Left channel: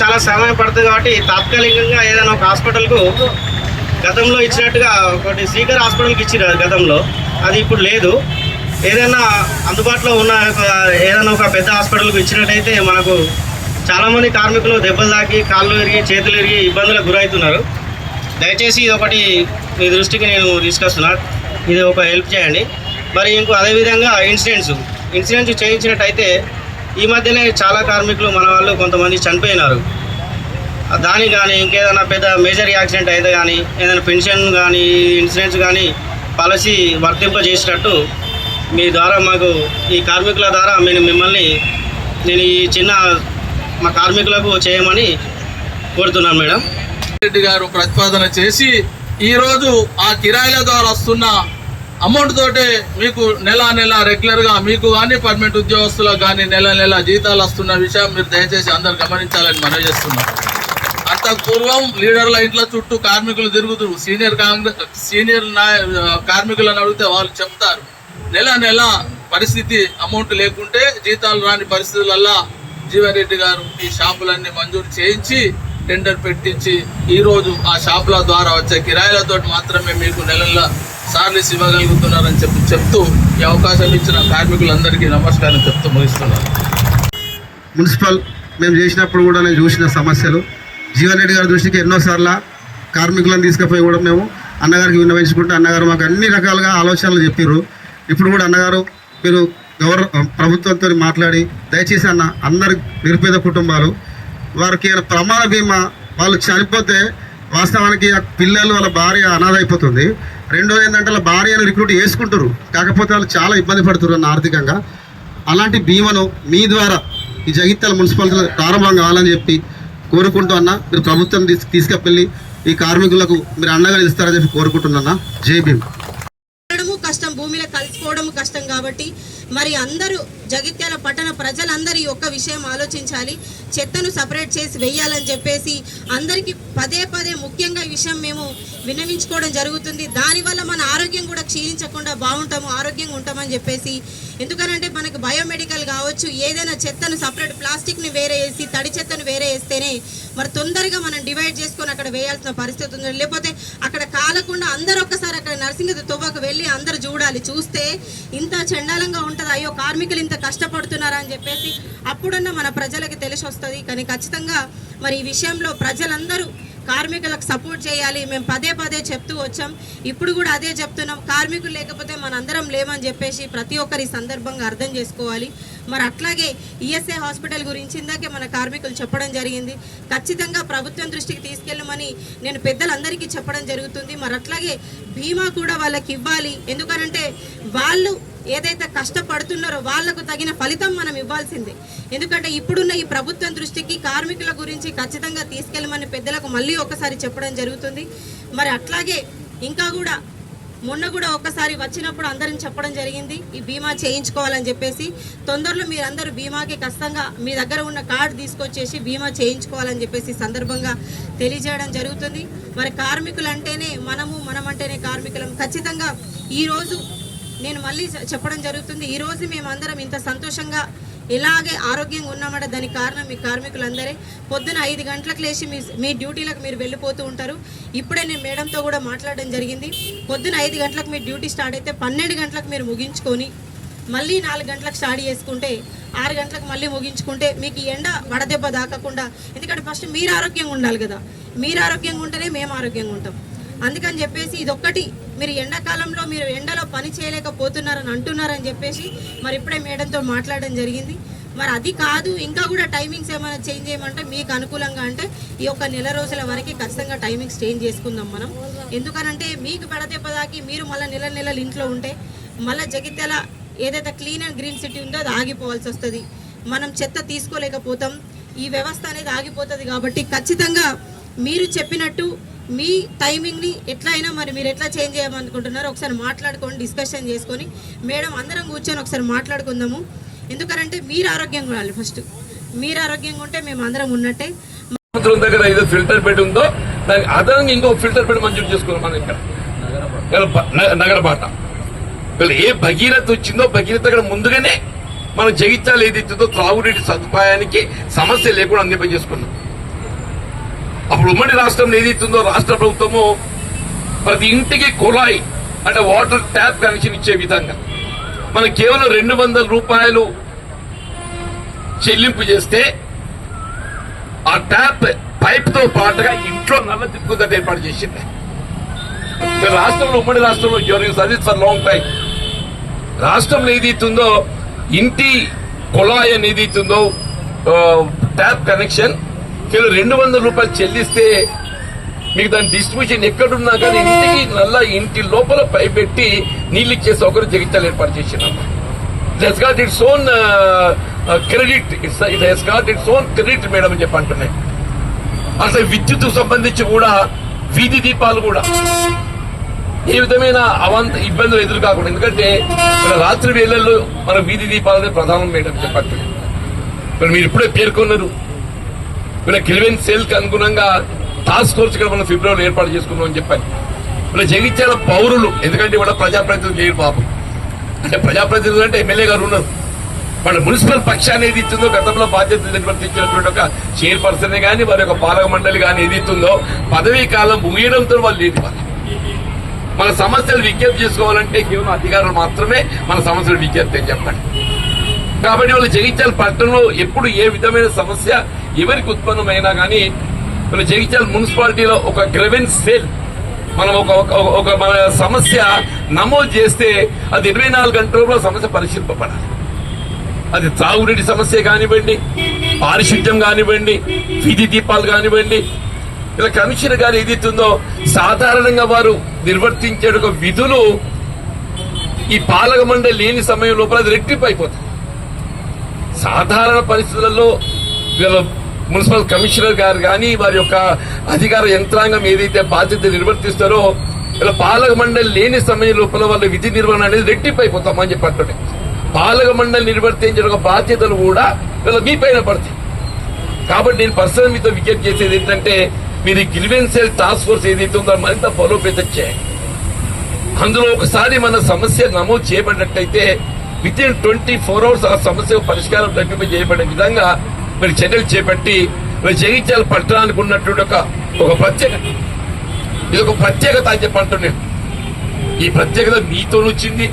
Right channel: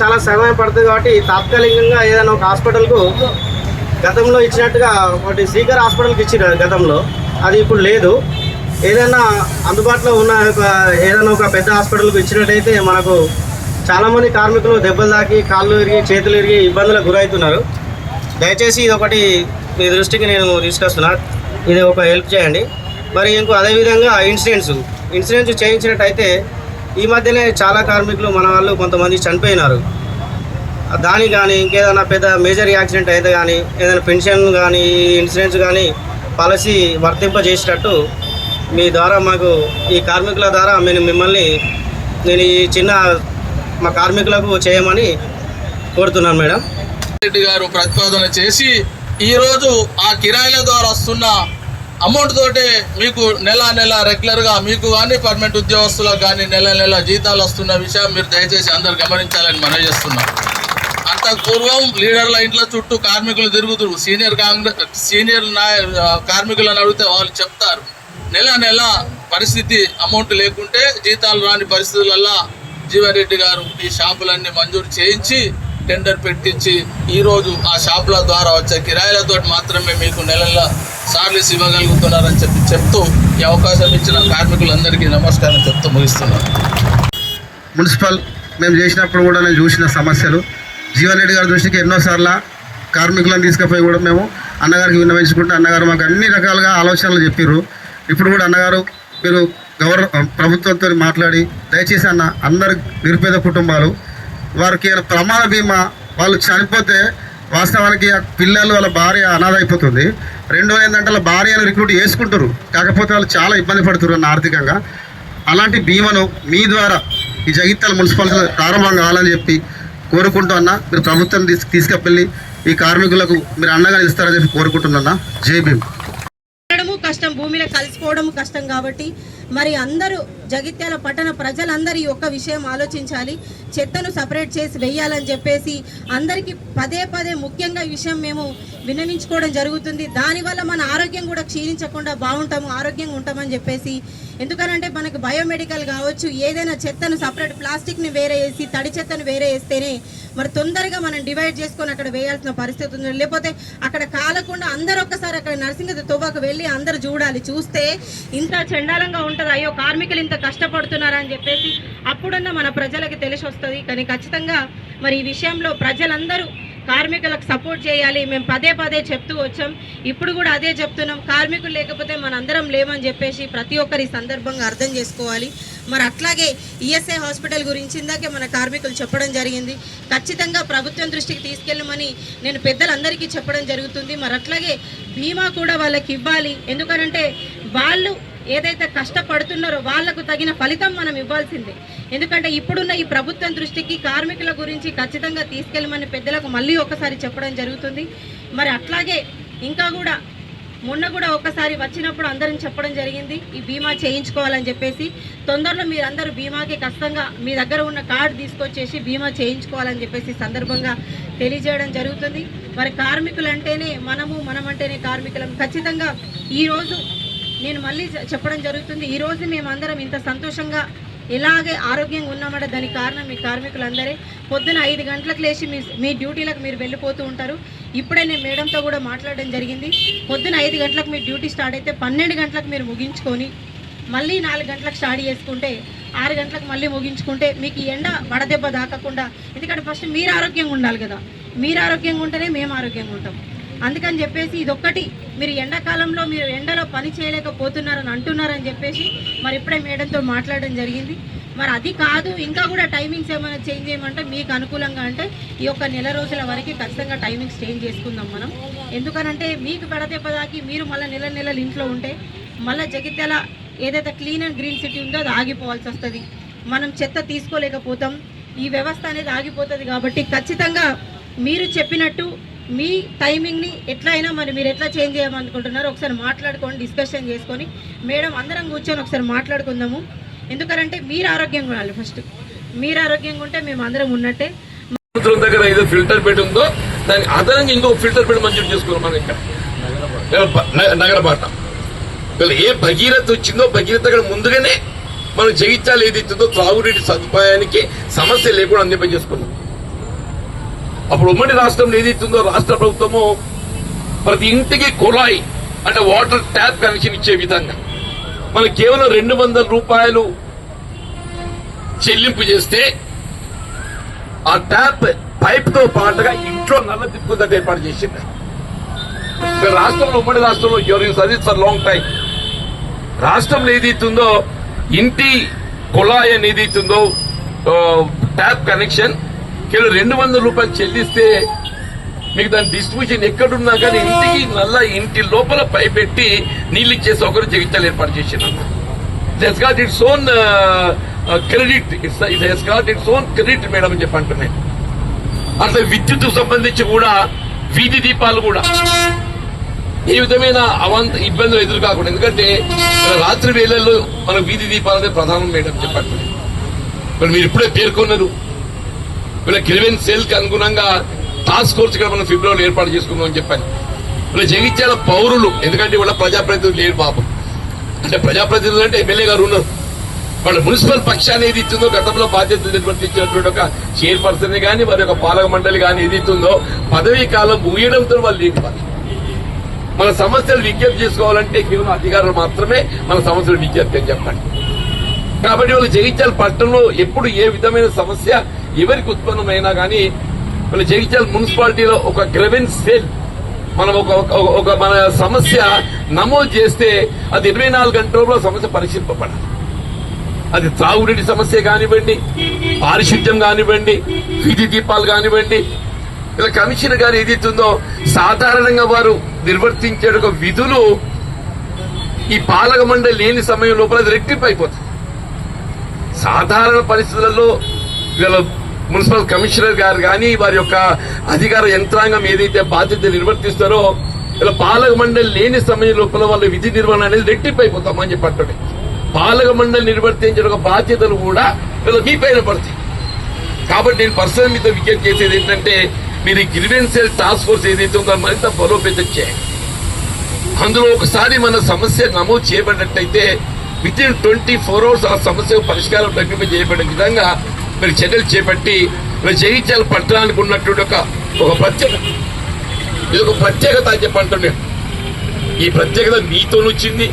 చాలా సమయం పడుతుంది కాబట్టి తాత్కాలికంగా ఏదైనా ఒక హాస్పిటల్కు గతంలో ఇచ్చినట్టుగా ఒకటి సీకర్ హాస్పిటల్కి ఇచ్చిన గతంలో. అది ఇప్పుడు లేదు. ఏదైనా అందుబాటులో ఉన్న ఏదైనా ఒక పెద్ద హాస్పిటల్కు ఇచ్చినట్టయితే మనకు చాలామంది కార్మికులు దెబ్బలు తాకి కాళ్ళు ఎరిగి చేతులు ఎరిగి ఇబ్బందులకు గురవుతున్నారు. దయచేసి ఇది ఒకటి మీ దృష్టికి నేను తీసుకొస్తున్నా. ఇది ఒక హెల్ప్ చేయండి. మరి ఇంకో అదేవిధంగా ఇన్సిడెంట్స్. ఇన్సూరెన్స్ చేయించినట్టయితే ఈ మధ్యనే చాలా కార్మికులు మన వాళ్ళు కొంతమంది చనిపోయినారు. దానికి కానీ ఇంకేదైనా పెద్ద మేజర్ యాక్సిడెంట్ అయితే కానీ ఏదైనా పెన్షన్ కానీ ఇన్సూరెన్స్ కానీ పాలసీ వర్తింపజేసేటట్టు మీ ద్వారా మాకు ఈ కార్మికుల ద్వారా నేను మిమ్మల్ని నేను ఈ చిన్న మా కార్మికులకు చేయమని కోరుతున్నాను మేడం. రెడ్డి గారు ప్రతిపాదన చేసి ఈరోజు ఆ కిరాయిల ద్వారా వస్తున్న అమౌంట్ తోటే మీకు నెల నెల రెగ్యులర్గా మీకు కానీ పర్మనెంట్ ఉద్యోగస్తులకు కానీ నెల నెల జీతాలు వస్తున్న విషయం మీరు దయచేసి అందరు గమనించాలని మనవి చేస్తున్నాం. అంత పూర్వం లీడర్ల ఇంట్లో చుట్టూ కార్మికులు తిరుగుతూ సీనియర్ కాంగ్రెస్ సీనియర్ నాయ కార్మికులను అడిగితే వాళ్ళు చెప్తారు. నెల నెల పరిస్థితి అమౌంట్ లేకుంటే జీతాలు రాని పరిస్థితులల్లా జీవారెడ్డి గారు ఈ షాపులన్నీ మంజూరు చేయించి టెండర్ పెట్టించి ఈరోజు ఆ షాపుల ద్వారా వచ్చే కిరాయిలతో మాత్రమే మీకు నెల సర్వీస్ ఇవ్వగలుగుతున్నారని చెప్పి చెప్తూ ఈ అవకాశం ఇచ్చిన కార్మికులందరికీ నమస్కారం చెప్తూ ముగిస్తున్నాను. మున్సిపల్ మేము చేసినప్పుడు కూడా నేను చూసిన సమస్యలు. జీవన్ రెడ్డి గారి దృష్టికి ఎన్నోసార్లు కార్మికులను తీసుకుపోయి కూడా మేము అన్నగారికి విన్నవించుకుంటే అన్నగారు మాకు అన్ని రకాలుగా ఆలోచనలు చెప్పారు ఇప్పుడు కూడా అన్నగారు మీరు గౌరవ ప్రభుత్వంతో మాట్లాడి దయచేసి అన్న అందరు నిరుపేద కుటుంబాలు వారికి ఏమైనా ప్రమాద బీమా వాళ్ళు చనిపోతే వాస్తవానికి ఆ పిల్లలు వాళ్ళ భార్య అనాథ అయిపోతుంది. రెండో ఏంటంటే వాళ్ళ భార్యను రిక్రూట్ చేసుకుంటారు. కాకపోతే వాళ్ళు చాలా ఇబ్బంది పడుతున్నారు ఆర్థికంగా. అలాంటి బీమాను మీ ద్వారా ఈ జగిత్యాల మున్సిపాలిటీ ప్రారంభం కావాలని చెప్పి కోరుకుంటూ అన్న మీరు ప్రభుత్వం తీసు తీసుకెళ్ళి ఈ కార్మికులకు మీరు అండగా ఇస్తారని చెప్పి కోరుకుంటున్నా జై భీమ్. కష్టం భూమిలో కలిసిపోవడం కష్టం కాబట్టి మరి అందరూ జగిత్యాల పట్టణ ప్రజలందరూ ఈ ఒక్క విషయం ఆలోచించాలి. చెత్తను సపరేట్ చేసి వెయ్యాలని చెప్పేసి అందరికీ పదే పదే ముఖ్యంగా ఈ విషయం మేము విన్నవించుకోవడం జరుగుతుంది. దానివల్ల మన ఆరోగ్యం కూడా క్షీణించకుండా బాగుంటాము ఆరోగ్యంగా ఉంటామని చెప్పేసి. ఎందుకనంటే మనకు బయోమెడికల్ కావచ్చు ఏదైనా చెత్తను సపరేట్ ప్లాస్టిక్ని వేరే వేసి తడి చెత్తను వేరే వేస్తేనే మరి తొందరగా మనం డివైడ్ చేసుకొని అక్కడ వేయాల్సిన పరిస్థితి ఉంది. లేకపోతే అక్కడ కాలకుండా అందరూ ఒక్కసారి అక్కడ నర్సింగ్ తుబాకు వెళ్ళి అందరూ చూడాలి. చూస్తే ఇంత చండాలంగా ఉంటుంది. అయ్యో కార్మికులు ఇంత కష్టపడుతున్నారని చెప్పేసి అప్పుడన్నా మన ప్రజలకు తెలిసి వస్తుంది. కానీ ఖచ్చితంగా మరి ఈ విషయంలో ప్రజలందరూ కార్మికులకు సపోర్ట్ చేయాలి. మేము పదే పదే చెప్తూ వచ్చాం. ఇప్పుడు కూడా అదే చెప్తున్నాం. కార్మికులు లేకపోతే మనందరం లేమని చెప్పేసి ప్రతి ఒక్కరి సందర్భంగా అర్థం చేసుకోవాలి. మరి అట్లాగే ఈఎస్ఐ హాస్పిటల్ గురించి ఇందాకే మన కార్మికులు చెప్పడం జరిగింది. ఖచ్చితంగా ప్రభుత్వం దృష్టికి తీసుకెళ్ళమని నేను పెద్దలందరికీ చెప్పడం జరుగుతుంది. మరి అట్లాగే బీమా కూడా వాళ్ళకి ఇవ్వాలి. ఎందుకనంటే వాళ్ళు ఏదైతే కష్టపడుతున్నారో వాళ్ళకు తగిన ఫలితం మనం ఇవ్వాల్సిందే. ఎందుకంటే ఇప్పుడున్న ఈ ప్రభుత్వం దృష్టికి కార్మికుల గురించి ఖచ్చితంగా తీసుకెళ్ళమని పెద్దలకు మళ్ళీ ఒకసారి చెప్పడం జరుగుతుంది. మరి అట్లాగే ఇంకా కూడా మొన్న కూడా ఒకసారి వచ్చినప్పుడు అందరం చెప్పడం జరిగింది ఈ బీమా చేయించుకోవాలని చెప్పేసి. తొందరలో మీరందరూ బీమాకి కష్టంగా మీ దగ్గర ఉన్న కార్డు తీసుకొచ్చేసి బీమా చేయించుకోవాలని చెప్పేసి సందర్భంగా తెలియజేయడం జరుగుతుంది. మరి కార్మికులు అంటేనే మనము మనం అంటేనే కార్మికులం. ఖచ్చితంగా ఈరోజు నేను మళ్ళీ చెప్పడం జరుగుతుంది. ఈరోజు మేమందరం ఇంత సంతోషంగా ఎలాగే ఆరోగ్యంగా ఉన్నామంటే. దానికి కారణం మీ కార్మికులందరే. పొద్దున ఐదు గంటలకు లేచి మీ మీ డ్యూటీలకు మీరు వెళ్ళిపోతూ ఉంటారు. ఇప్పుడే నేను మేడంతో కూడా మాట్లాడడం జరిగింది. పొద్దున ఐదు గంటలకు మీ డ్యూటీ స్టార్ట్ అయితే పన్నెండు గంటలకు మీరు ముగించుకొని మళ్ళీ నాలుగు గంటలకు స్టార్ట్ చేసుకుంటే ఆరు గంటలకు మళ్ళీ ముగించుకుంటే మీకు ఈ ఎండ వడదెబ్బ దాకకుండా ఎందుకంటే ఫస్ట్ మీరు ఆరోగ్యంగా ఉండాలి కదా. మీరు ఆరోగ్యంగా ఉంటేనే మేము ఆరోగ్యంగా ఉంటాం. అందుకని చెప్పేసి ఇదొక్కటి మీరు ఎండాకాలంలో మీరు ఎండలో పని చేయలేకపోతున్నారని అంటున్నారని చెప్పేసి మరి ఇప్పుడే మేడంతో మాట్లాడడం జరిగింది. మరి అది కాదు ఇంకా కూడా టైమింగ్స్ ఏమైనా చేంజ్ చేయమంటే మీకు అనుకూలంగా అంటే ఈ యొక్క నెల రోజుల వరకు ఖచ్చితంగా టైమింగ్స్ చేంజ్ చేసుకుందాం మనం. ఎందుకనంటే మీకు పెడదెబ్బ దాకి మీరు మళ్ళీ నెల నెలలు ఇంట్లో ఉంటే మళ్ళీ జగిత్యాల ఏదైతే క్లీన్ అండ్ గ్రీన్ సిటీ ఉందో అది ఆగిపోవాల్సి వస్తుంది. మనం చెత్త తీసుకోలేకపోతాం. ఈ వ్యవస్థ అనేది ఆగిపోతుంది కాబట్టి ఖచ్చితంగా మీరు చెప్పినట్టు మీ టైమింగ్ని ఎట్లా అయినా మరి మీరు ఎట్లా చేంజ్ చేయమనుకుంటున్నారో ఒకసారి మాట్లాడుకొని డిస్కషన్ చేసుకొని మేడం అందరం కూర్చొని ఒకసారి మాట్లాడుకుందాము. ఎందుకంటే మీరు ఆరోగ్యంగా ఉండాలి ఫస్ట్ మీరు ఆరోగ్యంగా ఉంటే మేము అందరం ఉన్నట్టే. దగ్గర ఏదో ఫిల్టర్ పెట్టి ఉందో దానికి అదనంగా ఇంకో ఫిల్టర్ పెట్టి మంజూరు చేసుకున్నాం మనం ఇక్కడ నగర- నగరపాట. ఏ భగీరథ వచ్చిందో భగీరథ అక్కడ ముందుగానే మనం జగిత్యాలు ఏదైతుందో త్రాగునీటి సదుపాయానికి సమస్య లేకుండా అందింపజేసుకున్నాం. అప్పుడు ఉమ్మడి రాష్ట్రం ఏదైతుందో రాష్ట్ర ప్రభుత్వము ప్రతి ఇంటికి కుళాయి అంటే వాటర్ ట్యాప్ కనెక్షన్ ఇచ్చే విధంగా. మనం కేవలం రెండు వందల రూపాయలు చెల్లింపు చేస్తే ఆ ట్యాప్ పైప్తో పాటుగా ఇంట్లో నల్ల తిప్పుకుందని ఏర్పాటు చేసింది. రాష్ట్రంలో ఉమ్మడి రాష్ట్రంలో during service for long time రాష్ట్రంలో ఏదైతుందో ఇంటి కుళాయి అనేది ఏదైతుందో ట్యాప్ కనెక్షన్ కేవలం రెండు వందల రూపాయలు చెల్లిస్తే మీకు దాని డిస్ట్రిబ్యూషన్ ఎక్కడున్నా కానీ ఇంటికి నల్ల ఇంటి లోపల పై పెట్టి నీళ్ళు ఇచ్చే సౌకర్యం జగిత్యాలు ఏర్పాటు చేసినాం. It got its own credit its it has got its own credit madam అని చెప్పి అంటున్నాయి. అసలు విద్యుత్ సంబంధించి కూడా వీధి దీపాలు కూడా ఏ విధమైన అవంత ఇబ్బందులు ఎదురు కాకుండా ఎందుకంటే రాత్రి వేళల్లో మన వీధి దీపాలనే ప్రధానం మేడం చెప్పండి మరి మీరు ఇప్పుడే పేర్కొన్నారు. ఇలా కిరివెన్ సెల్కి అనుగుణంగా టాస్క్ ఫోర్స్ ఇక్కడ మనం ఫిబ్రవరిలో ఏర్పాటు చేసుకుందాం అని చెప్పాను వీళ్ళ జగిత్యాల పౌరులు ఎందుకంటే ఇవాళ ప్రజాప్రతినిధులు లేరు పాపం అంటే ప్రజాప్రతినిధులు అంటే ఎమ్మెల్యే గారు ఉన్నారు. వాళ్ళ మున్సిపల్ పక్షాన్ని ఏది ఇస్తుందో గతంలో బాధ్యత నిర్వర్తించినటువంటి ఒక చైర్పర్సన్ కానీ వారి యొక్క పాలక మండలి కానీ ఏది ఇస్తుందో పదవీ కాలం ముగియడంతో వాళ్ళు లేదు మన సమస్యలు విజ్ఞప్తి చేసుకోవాలంటే కేవలం అధికారులు మాత్రమే మన సమస్యలు విజ్ఞప్తి అని చెప్పండి కాబట్టి వాళ్ళు జగిత్యాల పట్టణంలో ఎప్పుడు ఏ విధమైన సమస్య ఎవరికి ఉత్పన్నమైనా కానీ మన జగిత్యాల మున్సిపాలిటీలో ఒక గ్రెవెన్స్ సేల్ మనం ఒక ఒక- మన సమస్య నమోదు చేస్తే అది ఇరవై నాలుగు గంటల్లో సమస్య పరిశీలింపబడాలి. అది తాగునీటి సమస్య కానివ్వండి పారిశుద్ధ్యం కానివ్వండి వీధి దీపాలు కానివ్వండి ఇలా కమిషన్ గారు ఏదైతుందో సాధారణంగా వారు నిర్వర్తించే ఒక విధులు ఈ పాలక మండలి లేని సమయం లోపల అది రెట్టింపు అయిపోతుంది. సాధారణ పరిస్థితులలో వీళ్ళ మున్సిపల్ కమిషనర్ గారు కానీ వారి యొక్క అధికార యంత్రాంగం ఏదైతే బాధ్యత నిర్వర్తిస్తారో ఇలా పాలక మండలి లేని సమయం లోపల వాళ్ళ విధి నిర్వహణ అనేది రెట్టింపు అయిపోతామని చెప్పి పాలక మండలి నిర్వర్తించిన ఒక బాధ్యతలు కూడా ఇలా మీ పైన పడతాయి. కాబట్టి నేను పర్సనల్ మీతో విజ్ఞప్తి చేసేది ఏంటంటే మీరు ఈ టాస్క్ ఫోర్స్ ఏదైతే ఉందో మరింత బలోపేతం చేయండి. అందులో ఒకసారి మన సమస్య నమోదు చేయబడినట్టయితే within twenty four hours ఆ సమస్య పరిష్కారం తగ్గింప చేయబడే విధంగా మరి చర్యలు చేపట్టి మరి జగిత్యాల పట్టణానికి ఉన్నటువంటి ఒక ఒక ప్రత్యేకత ఇది ఒక ప్రత్యేకత అని చెప్పంటున్నాను ఈ ప్రత్యేకత మీతో వచ్చింది.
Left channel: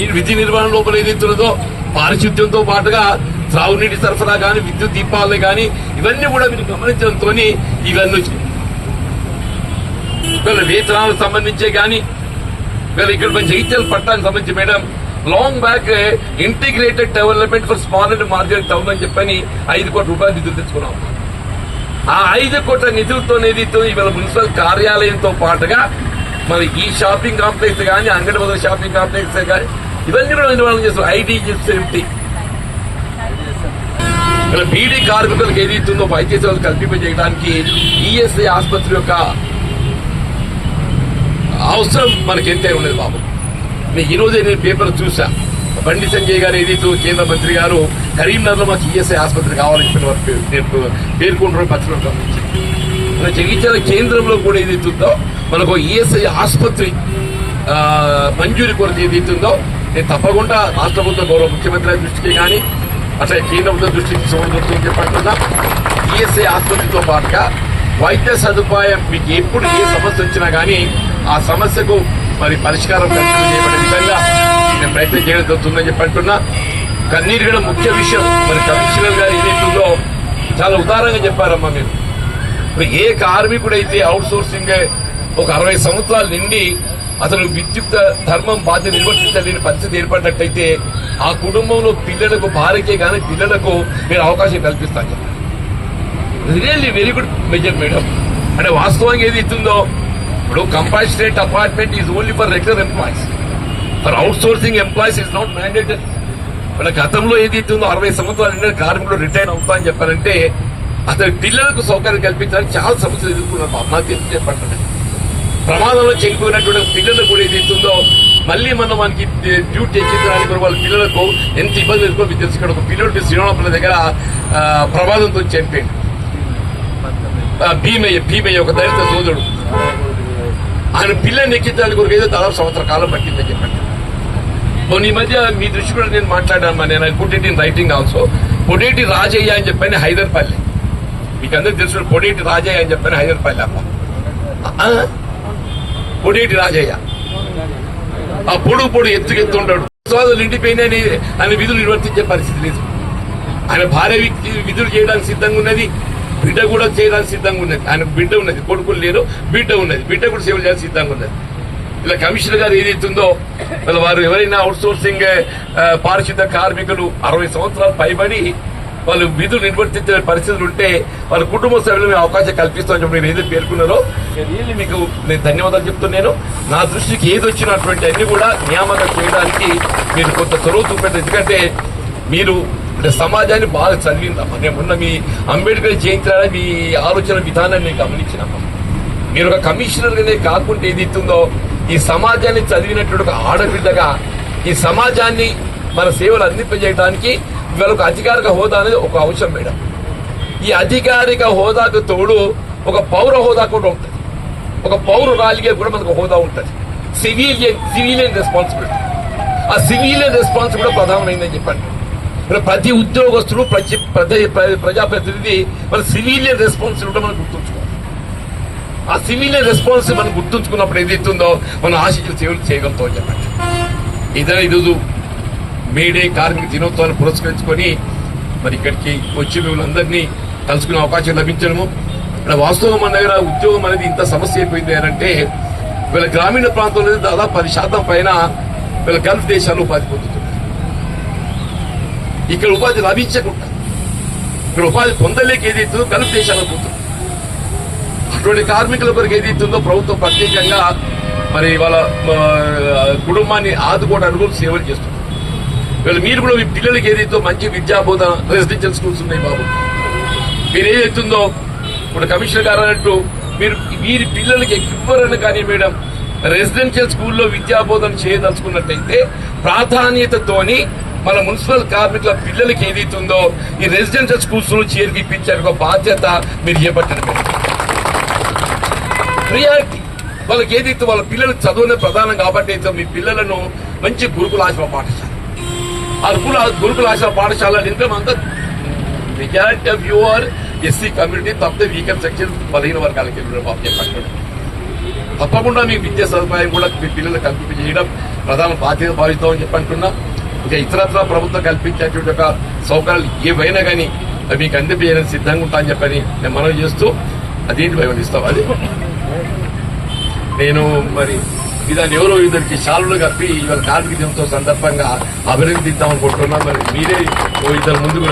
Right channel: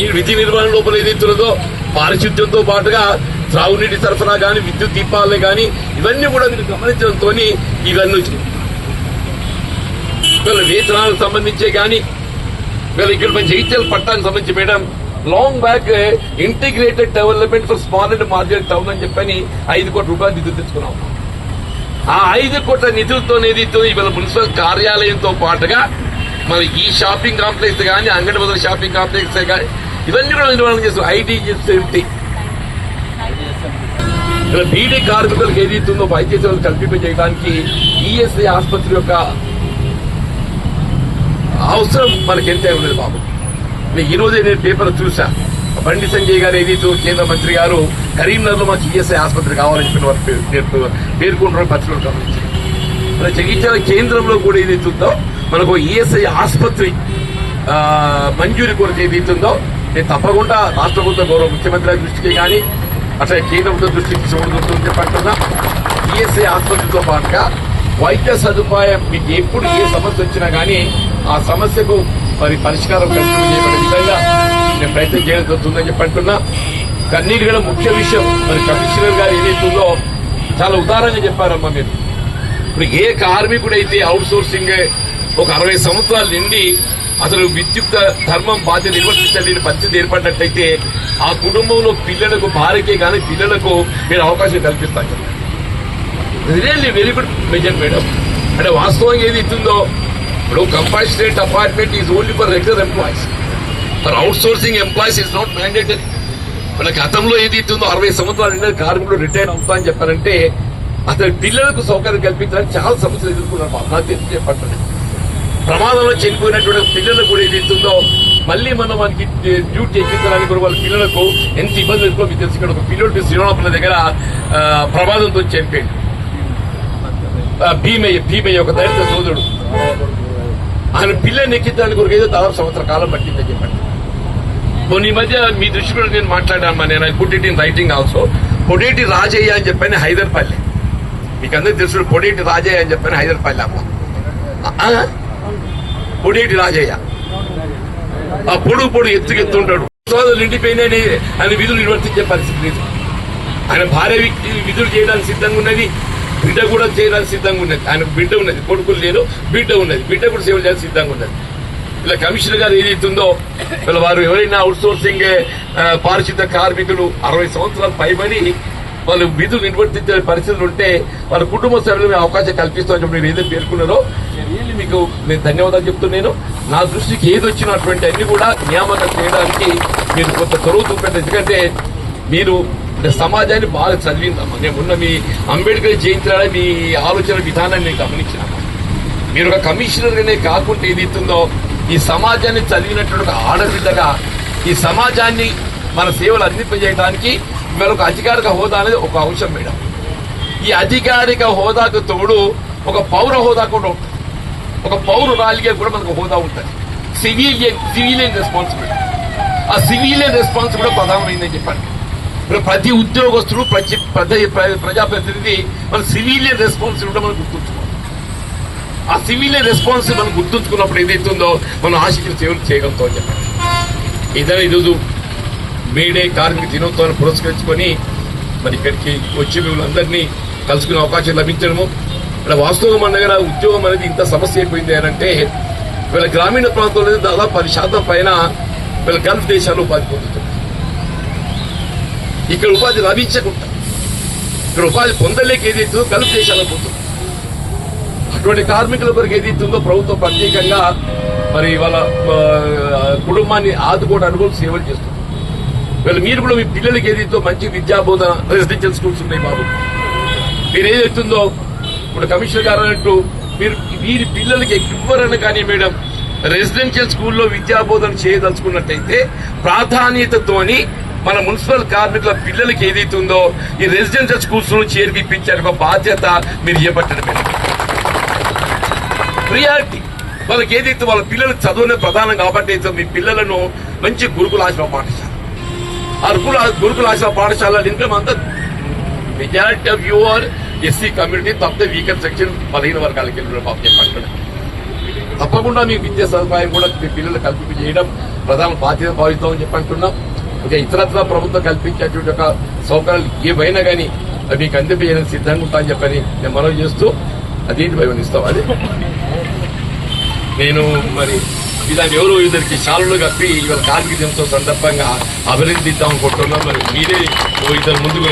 ఈ విధి నిర్వహణ లోపల ఏదైతే పారిశుద్ధ్యంతో పాటుగా త్రాగునీటి సరఫరా కానీ విద్యుత్ దీపాలే కానీ ఇవన్నీ కూడా మీరు గమనించడంతో ఇవన్నీ వచ్చినాయి. వీళ్ళ వేతనాలకు సంబంధించే కానీ వీళ్ళ ఇక్కడ జగిత్యాల పట్టానికి సంబంధించి madam long back integrated development for small and margin town అని చెప్పని ఐదు కోట్ల రూపాయలు నిధులు తెచ్చుకున్నాం ఆ ఐదు కోట్ల నిధులతో ఏదైతే ఇవాళ మున్సిపల్ కార్యాలయంతో పాటుగా మరి ఈ షాపింగ్ కాంప్లెక్స్ కానీ అంగడి బదులు షాపింగ్ కాంప్లెక్స్ కానీ ఇవన్నీ కూడా నిర్వహణ చేస్తాం ఐటీ సేఫ్టీ బీడీ కార్మికులకు ఏదైతుందో వైద్య సేవలు కల్పింపజేయడానికి ఈఎస్ఐ ఆసుపత్రి యొక్క అవసరం మనకి ఎంతే ఉండదు బాబు? నేను ఈ రోజే నేను పేపర్ చూసా బండి సంజయ్ గారు ఏదైతే కేంద్ర మంత్రి గారు కరీంనగర్లో మాకు ఈఎస్ఐ ఆసుపత్రి కావాలని చెప్పిన పేర్కొ- పేర్కొంటారు పచ్చడం గమనించారు మన జగిత్యాల కేంద్రంలో కూడా ఏదైతే ఉందో మనకు ఈఎస్ఐ ఆసుపత్రి మంజూరి కొరకు ఏదైతుందో నేను తప్పకుండా రాష్ట్ర ప్రభుత్వం గౌరవ ముఖ్యమంత్రి దృష్టికి కానీ అట్లా కేంద్ర ప్రభుత్వ దృష్టికి తీసుకుంటుందని చెప్పంటున్నా ఈఎస్ఐ ఆసుపత్రితో పాటుగా వైద్య సదుపాయం మీకు ఎప్పుడు ఏ సమస్య వచ్చినా కానీ ఆ సమస్యకు మరి పరిష్కారం కల్పించే చేయబడే విధంగా నేను ప్రయత్నం చేయడం జరుగుతుందని చెప్పంటున్నా కన్నీరు కూడా ముఖ్య విషయం. మరి కమిషనర్ గారు ఏదైతుందో చాలా ఉదారంగా చెప్పారమ్మా మీరు. ఇప్పుడు ఏ కార్మికుడైతే అవుట్ సోర్సింగ్ ఒక అరవై సంవత్సరాలు నిండి అసలు విద్యుత్ ధర్మం బాధ్యత నిర్వర్తించలేని పరిస్థితి ఏర్పడినట్టయితే ఆ కుటుంబంలో పిల్లలకు భార్యకే కానీ పిల్లలకు నేను అవకాశం కల్పిస్తాను. Really very good measure madam అంటే వాస్తవంగా ఏది ఇస్తుందో ఇప్పుడు compassionate appointment is only for regular employees for outsourcing employees is not mandatory మన గతంలో ఏది ఇస్తుందో అరవై సంవత్సరాలు నిండిన కార్మికులు రిటైర్ అవుతా అని చెప్పారంటే అతని పిల్లలకు సౌకర్యం కల్పించడానికి చాలా సమస్యలు ఎదుర్కొన్నాం. ఆత్మహత్య ప్రమాదంలో చనిపోయినటువంటి పిల్లలకు కూడా ఏది ఇస్తుందో మళ్ళీ మనం మనకి డ్యూటీ ఎక్కించడానికి కూడా వాళ్ళ పిల్లలకు ఎంత ఇబ్బంది ఎదుర్కో మీకు తెలుసు. ఇక్కడ ఒక పిల్లడు శ్రీనివాసపురం దగ్గర ప్రమాదంతో చనిపోయింది భీమయ్య భీమయ్య ఒక దళిత సోదరుడు. ఆయన పిల్లని ఎక్కించడానికి కొరకు ఏదో దాదాపు సంవత్సర కాలం పట్టిందని చెప్పండి. కొన్ని మధ్య మీ దృష్టి కూడా నేను మాట్లాడాను నేను put it in writing also Podeti Rajaiah అని చెప్పాను హైదర్పల్లి. మీకు అందరికి తెలుసు పొడేటి రాజయ్య అని చెప్పాను హైదర్పల్లి అమ్మ. పొడేటి రాజయ్య. ఆ పొడుగు పొడు ఎత్తుకు ఉంటాడు. సోదరులు ఇండిపోయినని ఆయన విధులు నిర్వర్తించే పరిస్థితి లేదు. ఆయన భార్య విధులు చేయడానికి సిద్ధంగా ఉన్నది. బిడ్డ కూడా చేయడానికి సిద్ధంగా ఉన్నది. ఆయనకు బిడ్డ ఉన్నది కొడుకులు లేరు బిడ్డ ఉన్నది. బిడ్డ కూడా సేవ చేయడానికి సిద్ధంగా ఉన్నది. ఇలా కమిషనర్ గారు ఏదైతుందో ఇలా వారు ఎవరైనా అవుట్ సోర్సింగ్ పారిశుద్ధ కార్మికులు అరవై సంవత్సరాలు పైబడి వాళ్ళు విధులు నిర్వర్తించే పరిస్థితులు ఉంటే వాళ్ళ కుటుంబ సభ్యులకు అవకాశం కల్పిస్తామని చెప్పి మీరు ఏదైతే పేర్కొన్నారో నేను మీకు నేను ధన్యవాదాలు చెప్తున్నాను. నా దృష్టికి ఏది వచ్చినటువంటి అన్ని కూడా నియామకం చేయడానికి మీరు కొంత చొరవ చూపండి. ఎందుకంటే మీరు అంటే సమాజాన్ని బాగా చదివిందమ్మా. నేను ఉన్న మీ అంబేద్కర్ జయంతి మీ ఆలోచన విధానాన్ని నేను గమనించిన. మీరు ఒక కమిషనర్గానే కాకుండా ఏదైతుందో ఈ సమాజాన్ని చదివినటువంటి ఒక ఆడబిడ్డగా ఈ సమాజాన్ని మన సేవలు అందింపజేయడానికి ఇవాళ ఒక అధికారిక హోదా అనేది ఒక అంశం మేడం. ఈ అధికారిక హోదాకు తోడు ఒక పౌర హోదా కూడా ఉంటుంది. ఒక పౌరురాలిగా కూడా మనకు హోదా ఉంటుంది. Civilian civilian responsibility. ఆ సివిలియన్ రెస్పాన్స్ కూడా ప్రధానమైందని చెప్పండి. ప్రతి ఉద్యోగస్తుడు ప్రతి ప్రజాప్రతినిధి మన సివిలియన్ రెస్పాన్సిబిలిటీ మనం గుర్తుంచుకోవాలి. ఆ సివిలియన్ రెస్పాన్సిబిలిటీ మనం గుర్తుంచుకున్నప్పుడు ఏదైతే ఉందో మనం ఆశించిన సేవలు చేయగలుగుతాం చెప్పండి. ఇదే ఈరోజు మేడే కార్మిక దినోత్సవాన్ని పురస్కరించుకొని మరి ఇక్కడికి వచ్చి మిమ్మల్ని కలుసుకునే అవకాశం లభించడము. ఇక్కడ వాస్తవం మన దగ్గర ఉద్యోగం అనేది ఇంత సమస్య అయిపోయింది అని అంటే వీళ్ళ గ్రామీణ ప్రాంతంలో దాదాపు పది శాతం పైన వీళ్ళ గల్ఫ్ దేశాల్లో పారిపోతుంది ఇక్కడ ఉపాధి లభించకుండా ఇక్కడ ఉపాధి పొందలేక ఏదైతుందో కలుపు దేశాలకు పోతుంది. అటువంటి కార్మికుల కొరకు ఏదైతుందో ప్రభుత్వం ప్రత్యేకంగా మరి వాళ్ళ కుటుంబాన్ని ఆదుకోవడానికి కూడా సేవలు చేస్తుంది. వీళ్ళు మీరు కూడా మీ పిల్లలకి ఏదైతే మంచి విద్యా బోధన రెసిడెన్షియల్ స్కూల్స్ ఉన్నాయి బాబు. మీరు ఏదైతుందో ఇప్పుడు కమిషనర్ గారు అన్నట్టు మీరు మీరు పిల్లలకి ఇవ్వరని కానీ మేడం రెసిడెన్షియల్ స్కూల్లో విద్యాబోధన చేయదలుచుకున్నట్టయితే ప్రాధాన్యతతోని మన మున్సిపల్ కార్మికుల పిల్లలకి ఏదైతుందో ఈ రెసిడెన్షియల్ స్కూల్స్లో చేర్పిపించారు ఒక బాధ్యత మీరు చేపట్టండి ప్రియారిటీ. వాళ్ళకి ఏదైతే వాళ్ళ పిల్లలు చదువునే ప్రధానం కాబట్టి అయితే మీ పిల్లలను మంచి గురుకుల ఆశ్రమ పాఠశాల ఆ గురుకుల గురుకుల ఆశ్రమ పాఠశాల ఇంకా అంతా majority of your SC community తప్పితే వీకెండ్ సెక్షన్ పదిహేను వర్గాలకి వెళ్ళిన చెప్పండి తప్పకుండా మీ విద్యా సదుపాయం కూడా మీ పిల్లలు కల్పింపజేయడం ప్రధాన బాధ్యత భావిస్తామని చెప్పంటున్నా ఇక ఇతరత్ర ప్రభుత్వం కల్పించేటువంటి ఒక సౌకర్యాలు ఏవైనా కానీ అవి మీకు అందింపజేయడానికి సిద్ధంగా ఉంటా అని చెప్పని నేను మనవి చేస్తూ అదేంటి వివరిస్తాం అది? నేను మరి ఇదాన్ని ఎవరు ఇద్దరికి శాలులు కప్పి ఇవాళ కార్మిక దినోత్సవం సందర్భంగా అభినందిద్దాం అనుకుంటున్నాం మరి మీరే ఓ ఇద్దరు ముందుకు